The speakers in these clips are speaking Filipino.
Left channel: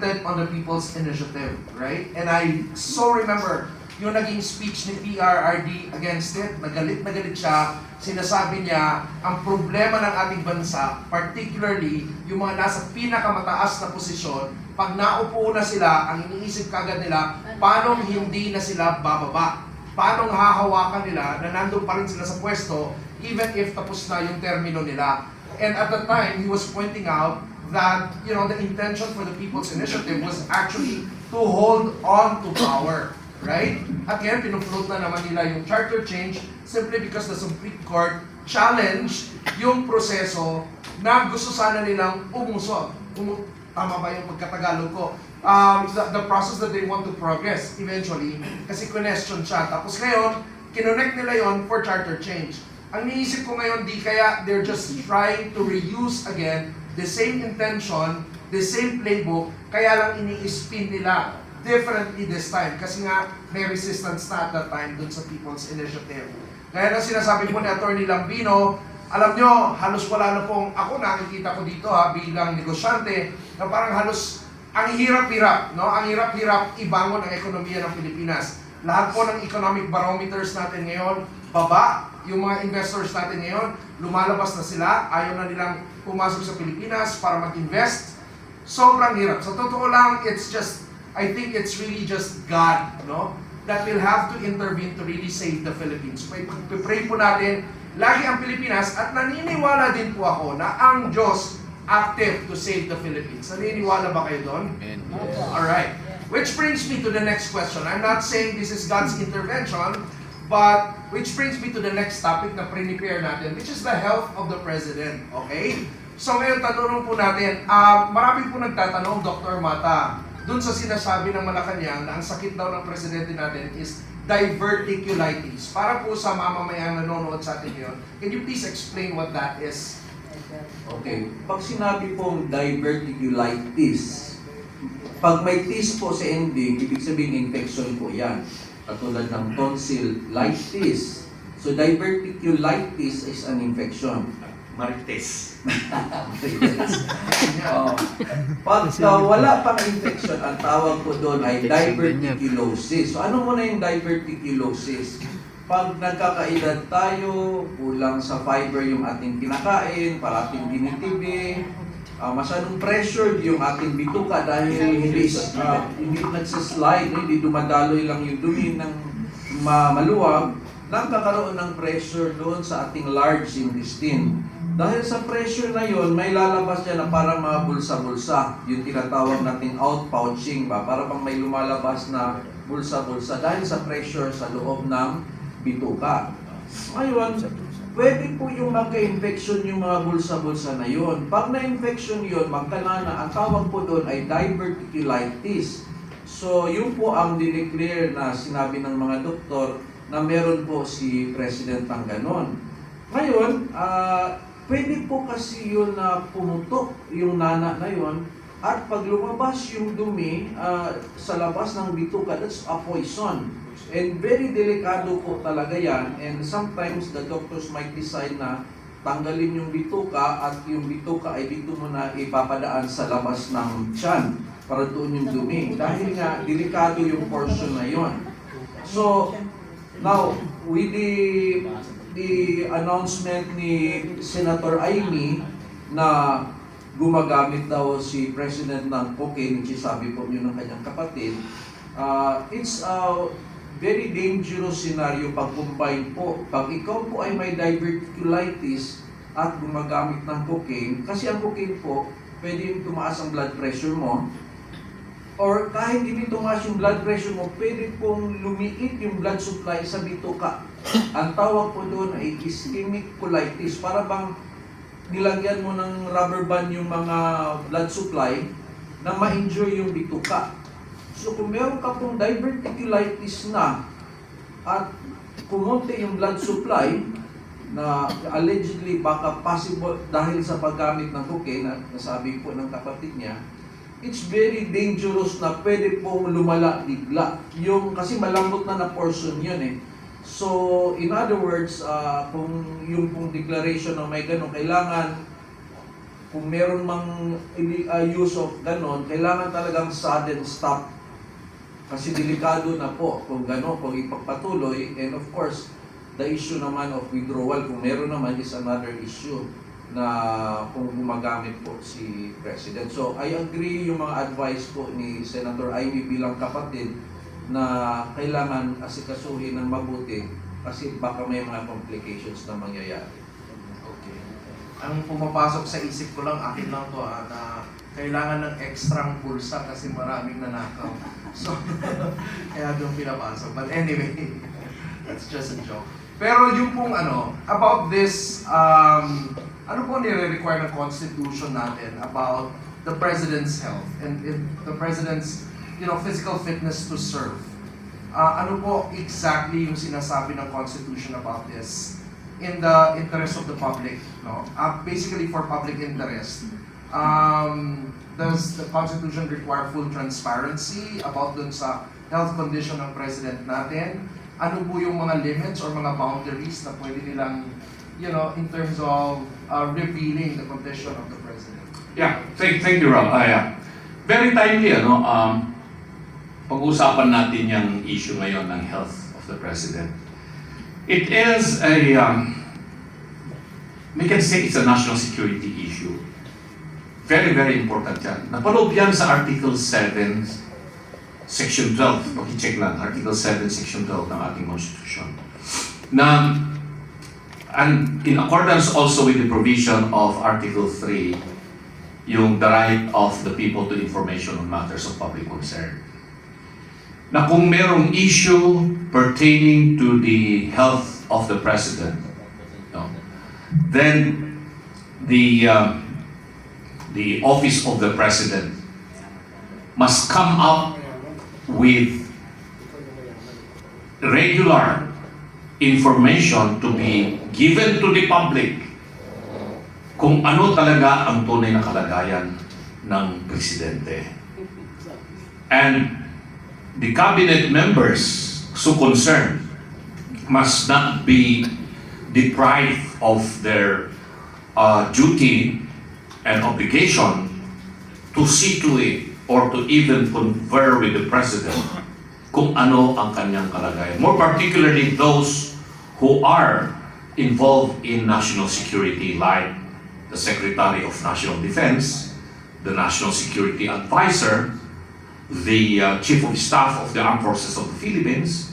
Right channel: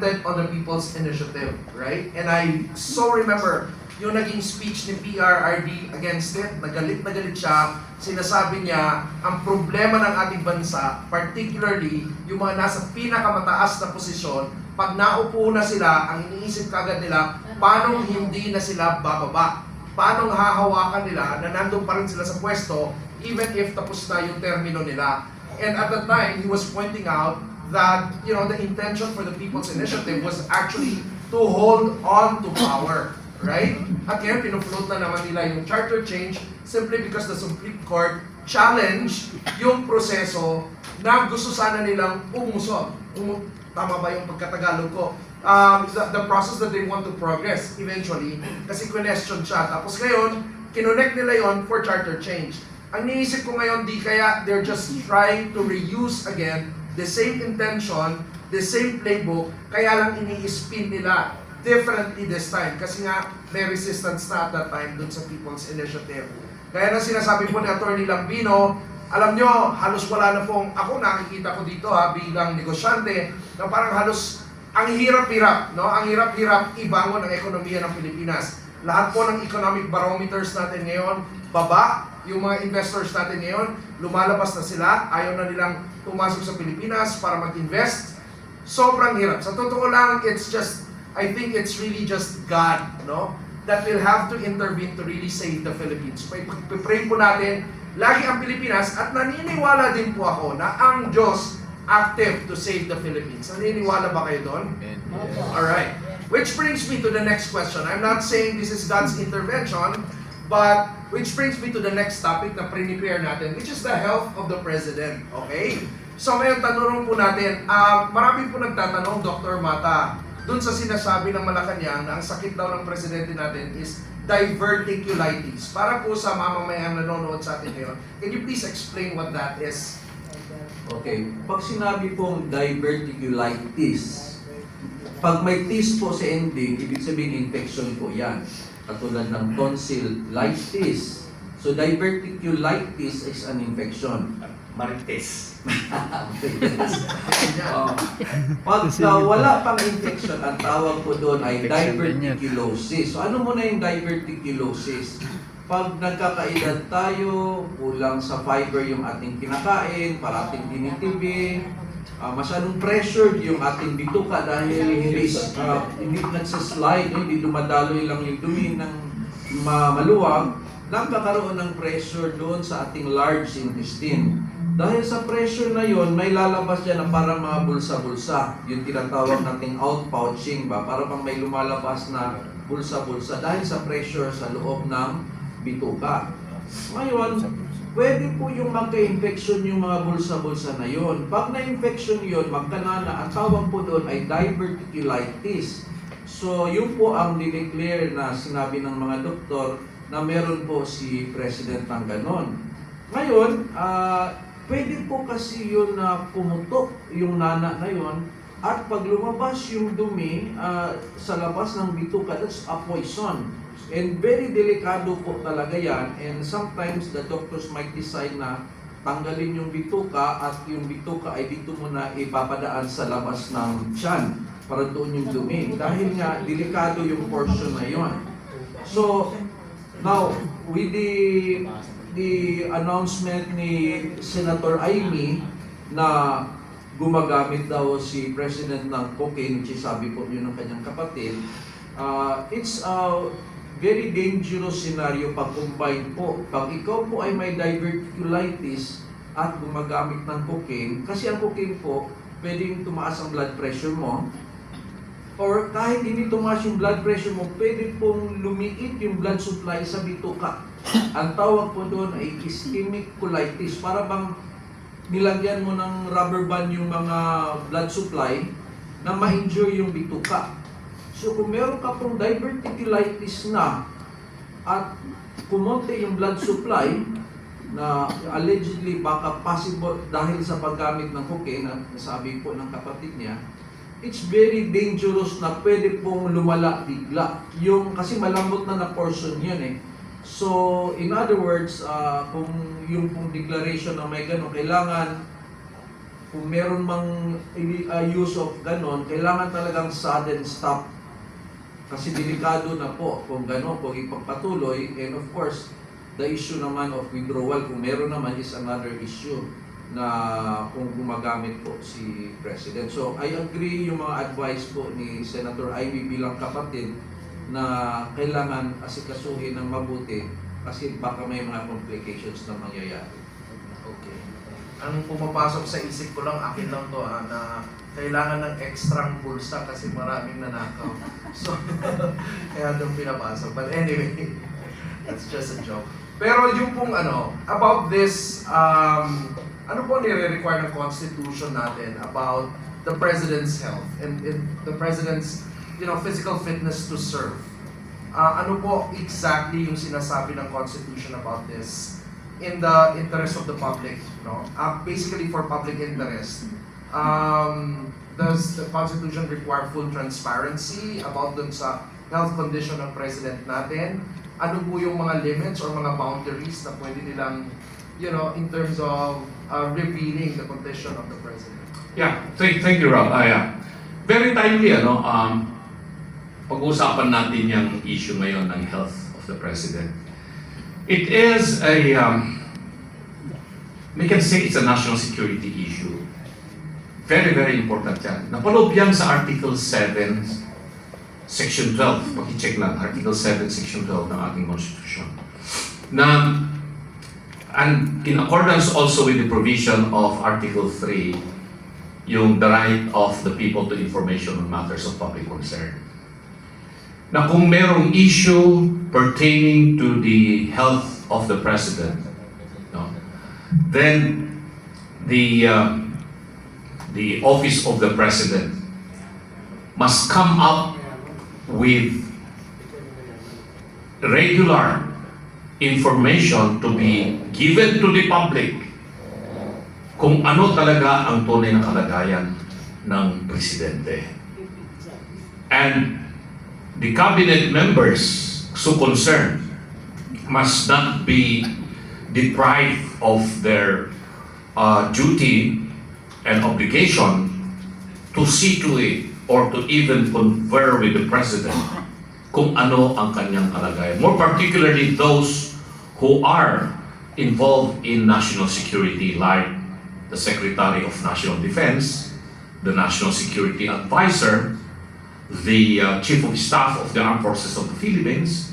commented on the People's Initiative, right? And I so remember yung naging speech ni PRRD against it, nagalit na galit siya, sinasabi niya, ang problema ng ating bansa, particularly yung mga nasa pinakamataas na posisyon, pag naupo na sila, ang iniisip kagad nila, paano hindi na sila bababa? Paano hahawakan nila na nandun pa rin sila sa pwesto, even if tapos na yung termino nila. And at the time, he was pointing out that, you know, the intention for the People's Initiative was actually to hold on to power. Right? Again, pinufloat na naman nila yung charter change simply because the Supreme Court challenged yung proseso na gusto sana nilang umusog. Tama ba yung pagkatagalog ko? The process that they want to progress eventually kasi question siya. Tapos ngayon, kinonect nila yon for charter change. Ang niisip ko ngayon, di kaya they're just trying to reuse again the same intention, the same playbook, kaya lang ini-spin nila differently this time kasi nga may resistance na at that time dun sa People's Initiative. Kaya na sinasabi po ni Atty. Lambino, alam nyo, halos wala na pong, ako nakikita ko dito bilang negosyante, na parang halos ang hirap-hirap, no? Ang hirap-hirap ibangon ang ekonomiya ng Pilipinas. Lahat po ng economic barometers natin ngayon, baba, yung mga investors natin ngayon, lumalabas na sila, ayaw na nilang pumasok sa Pilipinas para mag-invest. Sobrang hirap. Sa totoo lang, I think it's really just God, no? That will have to intervene to really save the Philippines. Pray po natin, lagi ang Pilipinas, at naniniwala din po ako na ang Diyos active to save the Philippines. Naniniwala ba kayo doon? Alright. Which brings me to the next question. I'm not saying this is God's intervention, but which brings me to the next topic na prepare natin, which is the health of the President. Okay? So ngayon, tanong po natin, marami po nagtatanong, Dr. Mata, dun sa sinasabi ng Malacanang na ang sakit daw ng presidente natin is diverticulitis. Para po sa mamamayang nanonood sa atin ngayon, can you please explain what that is? Okay. Pag sinabi pong diverticulitis, pag may tis po sa ending, ibig sabihin infection po yan. Katulad ng tonsillitis. So diverticulitis is an infection. Marites. Pagka wala pang infection, ang tawag po doon ay diverticulosis. So ano muna yung diverticulosis? Pag nagkakaedad tayo, kulang sa fiber yung ating kinakain, parating dinitibi, masyadong pressured yung ating bituka dahil hindi nagsaslide, hindi dumadaloy lang yung dumi ng maluwag, nagkakaroon ng pressure doon sa ating large intestine. Dahil sa pressure na yun, may lalabas dyan na para mga bulsa-bulsa. Yung tinatawag nating outpouching ba? Para pang may lumalabas na bulsa-bulsa dahil sa pressure sa loob ng bituka. Ngayon, pwede po yung magka-infection yung mga bulsa-bulsa na yun. Pag na-infection yun, magkangana, ang tawag po doon ay diverticulitis. So, yun po ang dineclare na sinabi ng mga doktor na meron po si President ng ganon. Ngayon, pwede po kasi yun na pumutok yung nana na yun at pag lumabas yung dumi sa labas ng bituka, that's a poison. And very delikado po talaga yan, and sometimes the doctors might decide na tanggalin yung bituka at yung bituka ay dito mo na ipapadaan sa labas ng tiyan para doon yung dumi. Dahil nga, delikado yung portion na yun. So, now, with the announcement ni Senator Amy na gumagamit daw si President ng cocaine, which is sabi po yun ng kanyang kapatid, it's a very dangerous scenario pag combine po. Pag ikaw po ay may diverticulitis at gumagamit ng cocaine, kasi ang cocaine po, pwede yung tumaas ang blood pressure mo, or kahit hindi tumaas yung blood pressure mo, pwede pong lumiit yung blood supply sa bituka. Ang tawag po doon ay ischemic colitis. Para bang nilagyan mo ng rubber band yung mga blood supply na ma-injure yung bituka. So kung meron ka pong diverticulitis na at kumonte yung blood supply na allegedly baka possible dahil sa paggamit ng cocaine na nasabi po ng kapatid niya, it's very dangerous na pwede pong lumala bigla. Yung, kasi malambot na portion yun eh. So, in other words, kung yung pong declaration na may ganun, kailangan kung meron mang use of ganon, kailangan talagang sudden stop. Kasi delikado na po kung gano'n, kung ipagpatuloy. And of course, the issue naman of withdrawal, kung meron naman, is another issue na kung gumagamit po si President. So, I agree yung mga advice po ni Senator Amy bilang kapatid na kailangan asikasuhin ng mabuti kasi baka may mga complications na mangyayari. Okay. Ang pumapasok sa isip ko lang, akin lang to na kailangan ng extra bulsa kasi maraming nanakaw. So, kaya doon pinapasok. But anyway, that's just a joke. Pero yung pong about this, ano po nire-require ng Constitution natin about the President's health and the President's physical fitness to serve? Ano po exactly yung sinasabi ng Constitution about this in the interest of the public? No? Basically for public interest. Does the Constitution require full transparency about dun sa health condition ng President natin? Ano po yung mga limits or mga boundaries na pwede nilang, in terms of revealing the condition of the President? Yeah, thank you, Rob. Very timely, pag-uusapan natin yung issue ngayon ng health of the President. It is we can say it's a national security issue. Very, very important yan. Napaloob yan sa Article 7, Section 12. Paki-check lang, Article 7, Section 12 ng ating Constitution. Na, and in accordance also with the provision of Article 3, yung the right of the people to information on matters of public concern. Na kung merong issue pertaining to the health of the President, no, then the office of the President must come up with regular information to be given to the public kung ano talaga ang tunay na kalagayan ng Presidente. And the cabinet members so concerned must not be deprived of their duty and obligation to see to it or to even confer with the President kung ano ang kanyang kalagayan. More particularly those who are involved in national security like the Secretary of National Defense, the National Security Advisor, the Chief of Staff of the Armed Forces of the Philippines,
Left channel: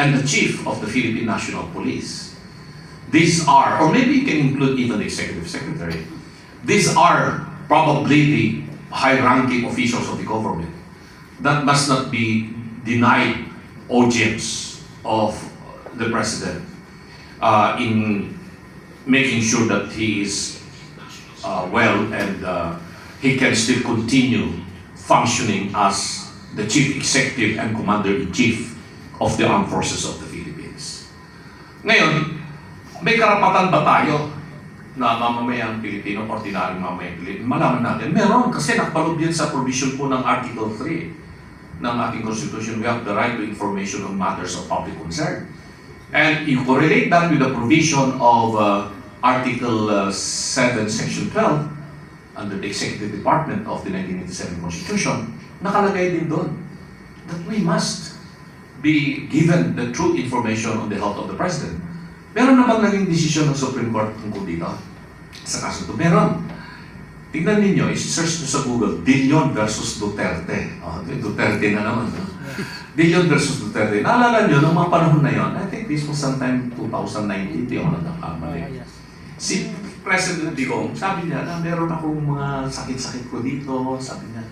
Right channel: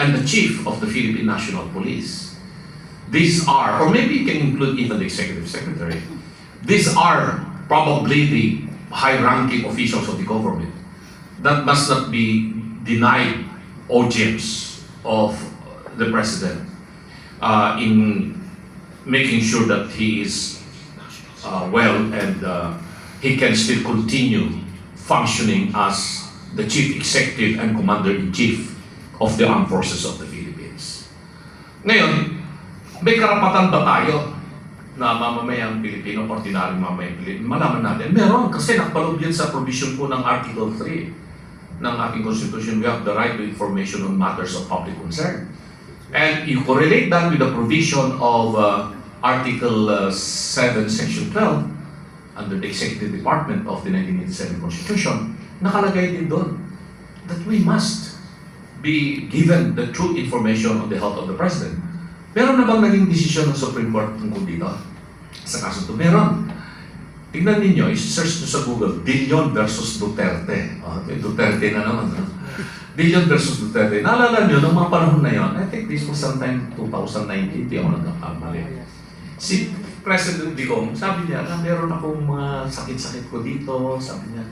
and the Chief of the Philippine National Police. These are, or maybe you can include even the Executive Secretary, these are probably the high-ranking officials of the government that must not be denied audience of the President in making sure that he is well and he can still continue functioning as the Chief Executive and Commander-in-Chief of the Armed Forces of the Philippines. Ngayon, may karapatan ba tayo na mamamayang Pilipino, ordinaryong mamamayang Pilipino? Malaman natin, meron, kasi nakapaloob yan sa provision po ng Article 3 ng ating Constitution. We have the right to information on matters of public concern. And you correlate that with the provision of Article 7, Section 12, under the Executive Department of the 1987 Constitution, nakalagay din doon that we must be given the true information on the health of the President. Meron na bang naging desisyon ng Supreme Court tungkol dito? Sa kaso ito, meron. Tingnan ninyo, i-search nyo sa Google, Dillon versus Duterte. Duterte na naman. Dillon versus Duterte. Naalala nyo, noong mga panahon na yun, I think this was sometime 2019, di ako nagkakamali. Si President Digong, sabi niya na meron akong mga sakit-sakit ko dito, sabi niya,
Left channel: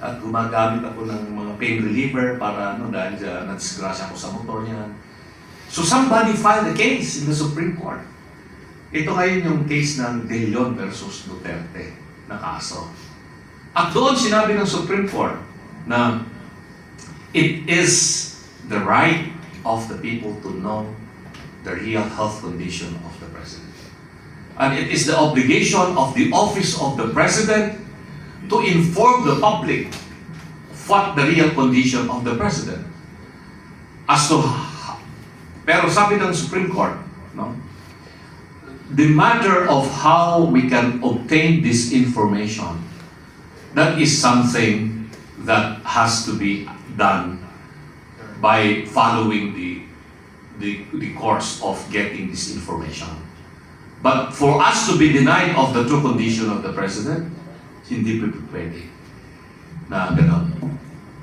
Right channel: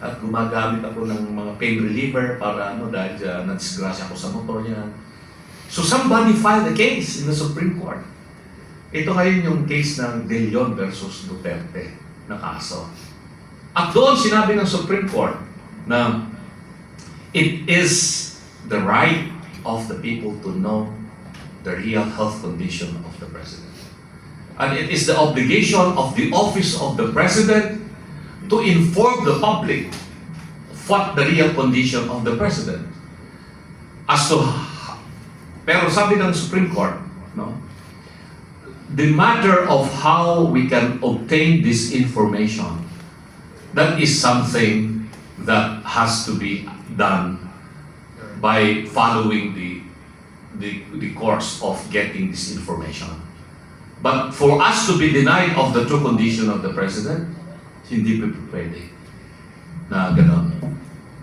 at gumagamit ako ng mga pain reliever para dahil nadisgrasya ako sa motor niya. So somebody filed a case in the Supreme Court. Ito ngayon yung case ng Dillon versus Duterte na kaso. At doon sinabi ng Supreme Court na it is the right of the people to know the real health condition of the President. And it is the obligation of the office of the President to inform the public what the real condition of the President. Pero sabi ng Supreme Court, no, the matter of how we can obtain this information, that is something that has to be done by following the course of getting this information. But for us to be denied of the true condition of the President, hindi pa pwede na gano'n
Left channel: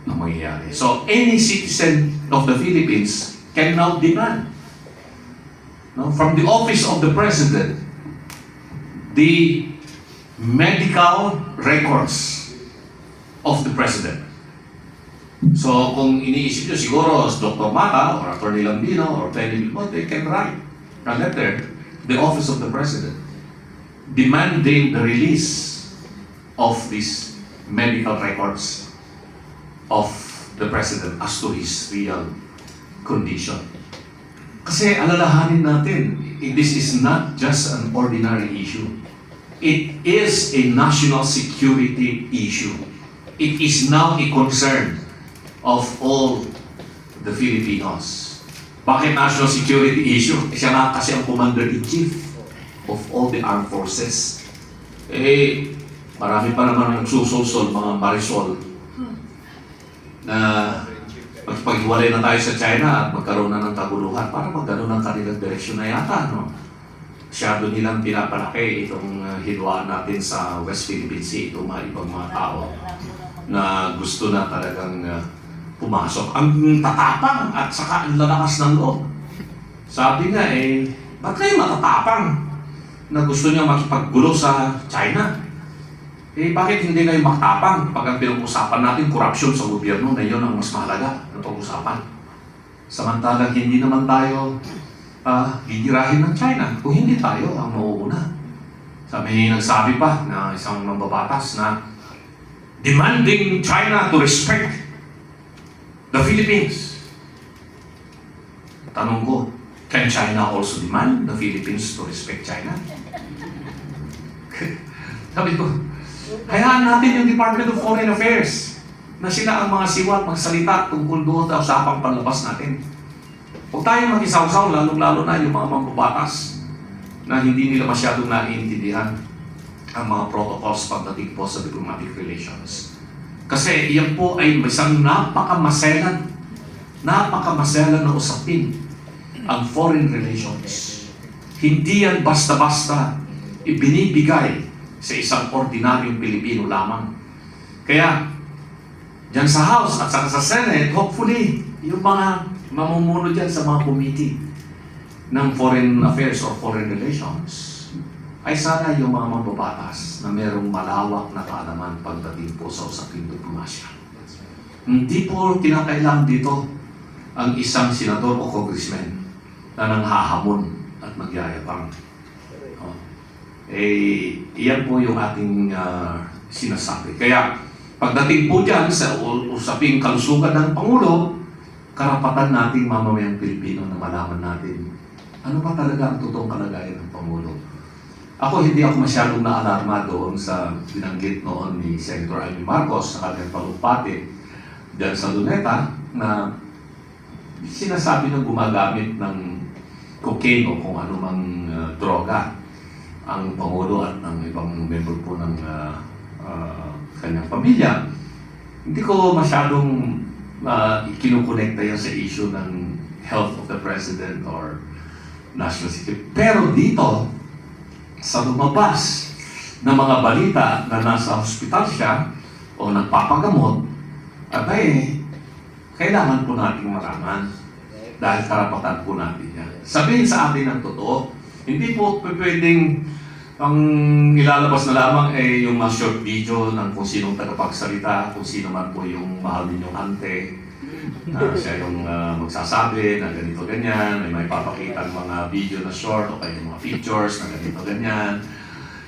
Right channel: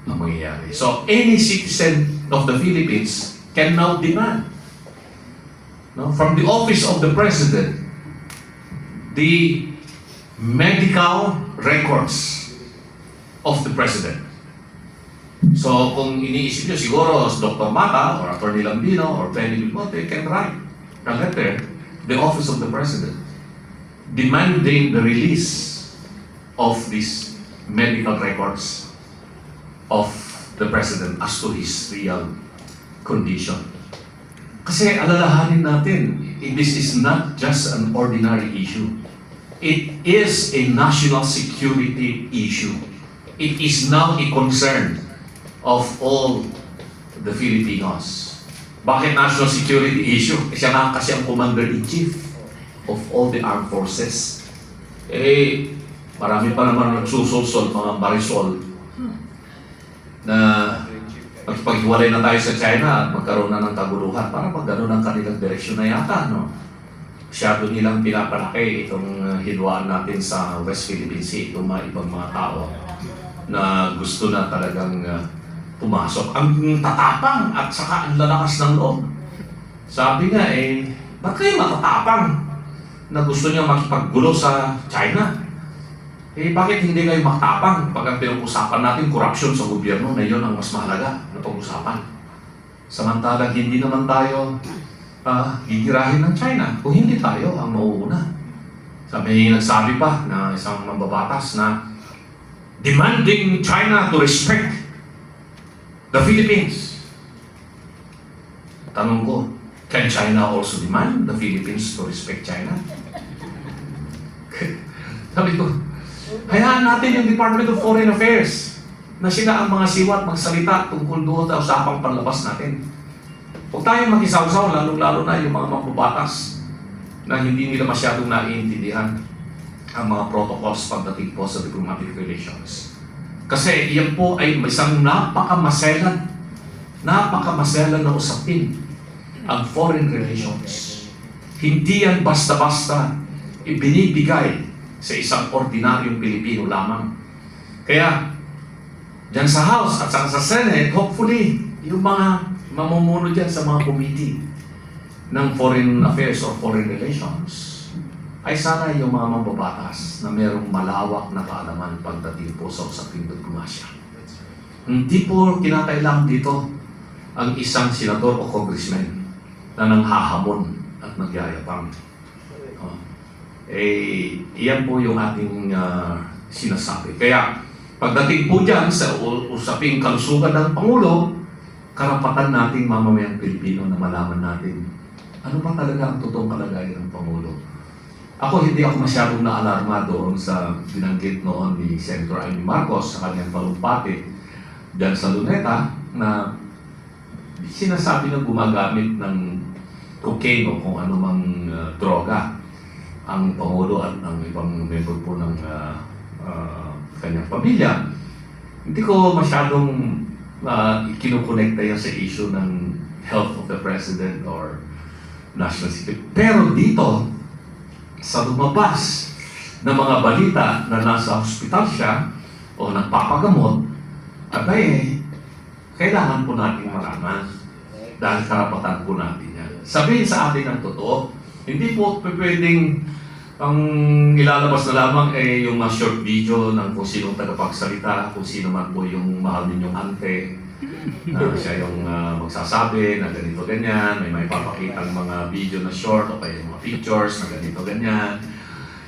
ang mangyayari. So any citizen of the Philippines can now demand, no, from the office of the President, the medical records of the President. So kung iniisip nyo siguro Dr. Mata or Atty. Lambino or Penny Lipote can write a letter to the office of the President demanding the release of these medical records of the President as to his real condition. Kasi alalahanin natin, this is not just an ordinary issue. It is a national security issue. It is now a concern of all the Filipinos. Bakit national security issue? Siya nga kasi ang commander-in-chief of all the armed forces. Marami pa naman nagsusulsol, mga marisol, na magpaghiwalay na tayo sa China at magkaroon na ng kaguluhan. Para mag-ano ng kanilang direksyon na yata, no? Masyado nilang pinapalaki itong hinwaan natin sa West Philippine Sea, itong mga ibang mga tao na gusto na talagang pumasok. Ang tatapang at saka ang lalakas ng loob. Sabi nga ba't kayo matatapang na gusto niyo makipaggulo sa China? Bakit hindi kayo matapang pag ang pinag-usapan natin corruption sa gobyerno na yun ang mas mahalaga na pag-usapan? Samantalang hindi naman tayo gigirahin ng China kung hindi tayo ang mauuna. Nagsabi pa na isang mambabatas na demanding China to respect the Philippines. Tanong ko, can China also demand the Philippines to respect China? Sabi ko, hayaan natin yung Department of Foreign Affairs na sila ang mga siwat magsalita tungkol doon sa usapang panlabas natin. Huwag tayong makisawsaw, lalo-lalo na yung mga mambabatas na hindi nila masyadong naiintindihan ang mga protocols pagdating po sa diplomatic relations. Kasi iyan po ay isang napakamaselan na usapin ang foreign relations. Hindi yan basta-basta ibinibigay sa isang ordinaryong Pilipino lamang. Kaya, dyan sa House at saka sa Senate, hopefully, yung mga mamumuno dyan sa mga committee ng foreign affairs or foreign relations ay sana yung mga mambabatas na mayroong malawak na kaalaman pagdating po sa usaping diplomasya. Hindi po kinakailangan dito ang isang senador o congressman na nanghahamon at nagyayabang. Iyan po yung ating sinasabi. Kaya pagdating po dyan sa usaping kalusugan ng Pangulo, karapatan nating mamamayang Pilipino na malaman natin ano ba talaga ang totoong kalagayan ng Pangulo. Hindi ako masyadong naalarma doon sa binanggit noon ni Senator Amy Marcos sa kanyang talumpati dyan sa Luneta na sinasabi na gumagamit ng cocaine o kung ano mang droga ang Pangulo at ng ibang member po ng kanyang pamilya. Hindi ko masyadong kinukonekta yan sa issue ng health of the President or national security. Pero dito, sa lumabas na mga balita na nasa hospital siya o nagpapagamot, kailangan po natin maraman dahil karapatan po natin yan. Sabihin sa atin ang totoo, hindi po pwedeng ang ilalabas na lamang yung mga short video ng kung sinong tagapagsalita, kung sino man po yung mahal ninyong ante, siya yung magsasabi na ganito ganyan, may papakita ng mga video na short o kaya mga pictures na ganito ganyan.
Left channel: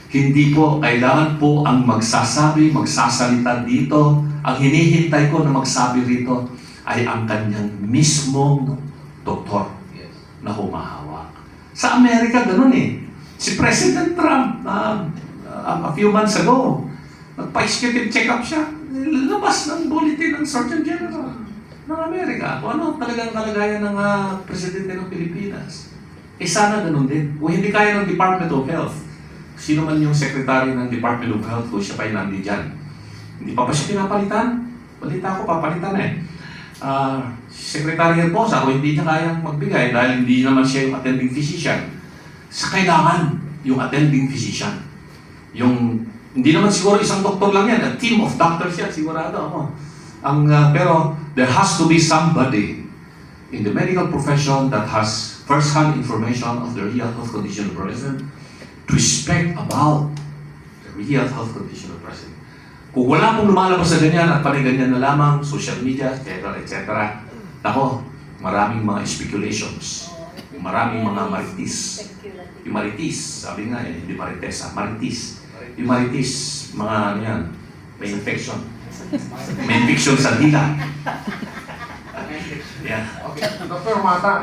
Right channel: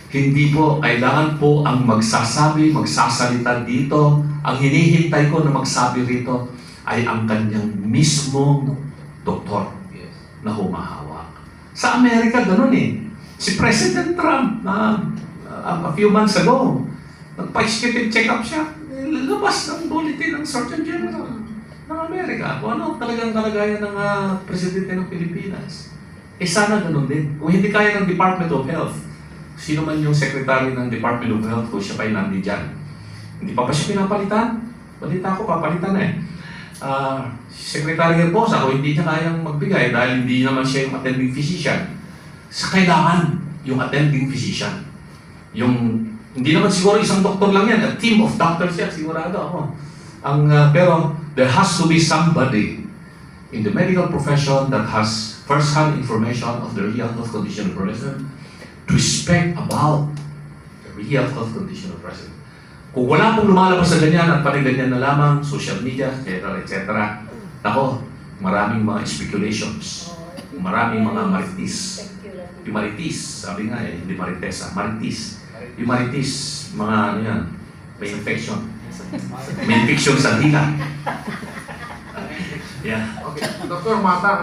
Hindi po, kailangan po ang magsasabi, magsasalita dito. Ang hinihintay ko na magsabi rito ay ang kanyang mismong doktor na humahawak. Sa Amerika, ganun Si President Trump, a few months ago, nagpa-executive check-up siya. Labas ng bulletin ng Surgeon General ng Amerika. Kung ano talagang kalagayan ng Presidente ng Pilipinas. sana ganun din. Kung hindi kaya ng Department of Health, sino man yung Secretary ng Department of Health kung siya pa yung nandiyan? Hindi pa siya pinapalitan? Balita ko, papalitan na Secretary Herbosa, kung hindi niya kayang magbigay dahil hindi naman siya yung attending physician, sa kailangan yung attending physician. Hindi naman siguro isang doktor lang yan, a team of doctors yan, sigurado ako. Pero there has to be somebody in the medical profession that has first-hand information of the real health condition of the person to speak about the real health condition of the person. Kung wala pong lumalabas sa ganyan at paniganyan na lamang, social media, etc. Ako, maraming mga speculations, maraming mga marites. Yung marites, sabi nga hindi marites, marites. Yung marites, mga ano yan, may infection. May infection sa dila. Yeah. Okay, Dr. Mata,